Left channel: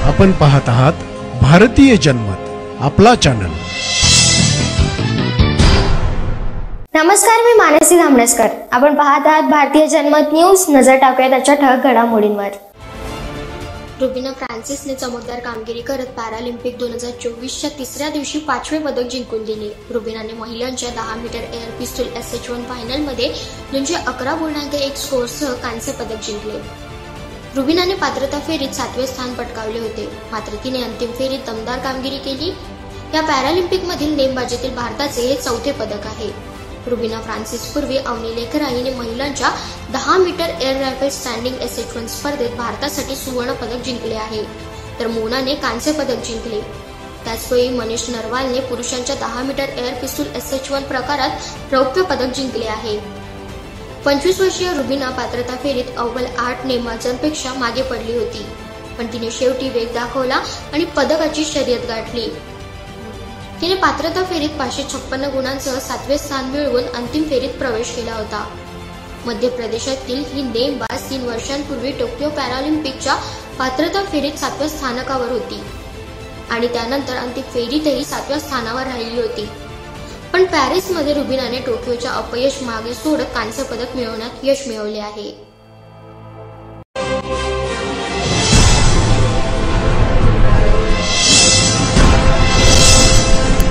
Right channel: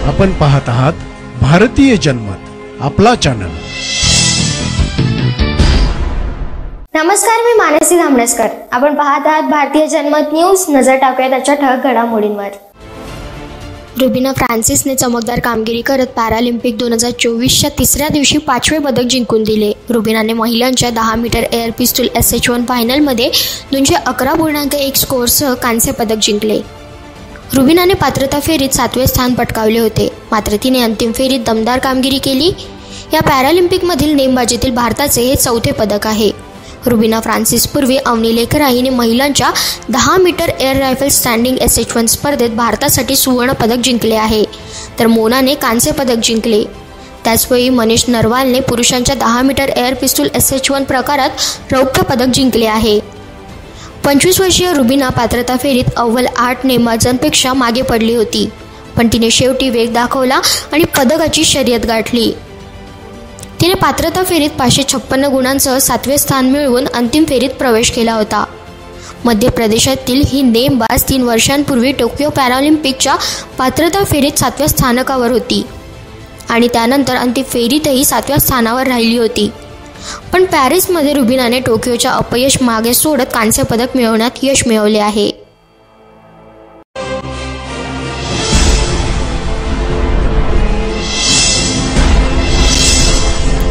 आपण पाहत आहात भारतीय जनमत, आपला चॅनल। नमस्कार, मी मानसी धामणेकर। आपण पाहत आहात भारतीय जनमत न्यूज। नजर टाकूया त्याच्या ठळक घडामोडींवर। रुबीना फ्रान्सिसने चमकदार कामगिरी करत पॅरालिम्पिक 2024च्या तिसऱ्या दिवशी 5वे पदक जिंकून दिले। रुबीनाने महिलांच्या 10 मीटर एअर पिस्तूल SH1 फायनलमध्ये 211.1 स्कोअरसह कांस्य पदक जिंकले। रुबीनाने पात्रता फेरीत 7वे स्थान पटकावले होते, मात्र तिने अंतिम फेरीत दमदार कामगिरी केली। या पॅरालिम्पिकमधील नेमबाजीतील भारताचे हे 4थे पदक आहे। रुबीना फ्रान्सिस पूर्वी अवनी लेखरा हिने महिलांच्या 10 metre air rifle standing SH1 स्पर्धेत भारतासाठी सुवर्ण पदक जिंकले आहे, तर मोनाने कांस्य पदक जिंकले। त्याचवेळी मनीष नरवालने पुरुषांच्या 10 मीटर एअर पिस्तूल SH1 प्रकारात रौप्य पदक जिंकले आहे। 25 वर्षीय रुबीना पात्रता फेरीत अव्वल 8 नेमबाजांपेक्षा मागे पडली होती, पण तिने शेवटी वेग दाखवला आणि पदकाची शर्यत गाठली। तिने पात्रता फेरीत 556 गुणांसह 7वे स्थान मिळवून अंतिम फेरीत प्रवेश केला होता। मध्य प्रदेशातील ही नेमबाज 3 वर्षांपूर्वी टोकियो पॅरालिम्पिकच्या पात्रता फेरीत 7व्या स्थानकावर होती आणि त्यानंतर अंतिम फेरीतही 7व्या स्थानावर राहिली होती। पण पॅरिसमध्ये रुबीनाने टोकियोच्या अपयश मागे सोडत कांस्य पदक मिळवण्यात यश मिळवले आहे।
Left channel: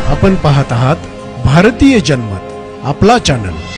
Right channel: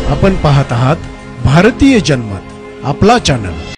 आपण पाहत आहात भारतीय जनमत, आपला चॅनल।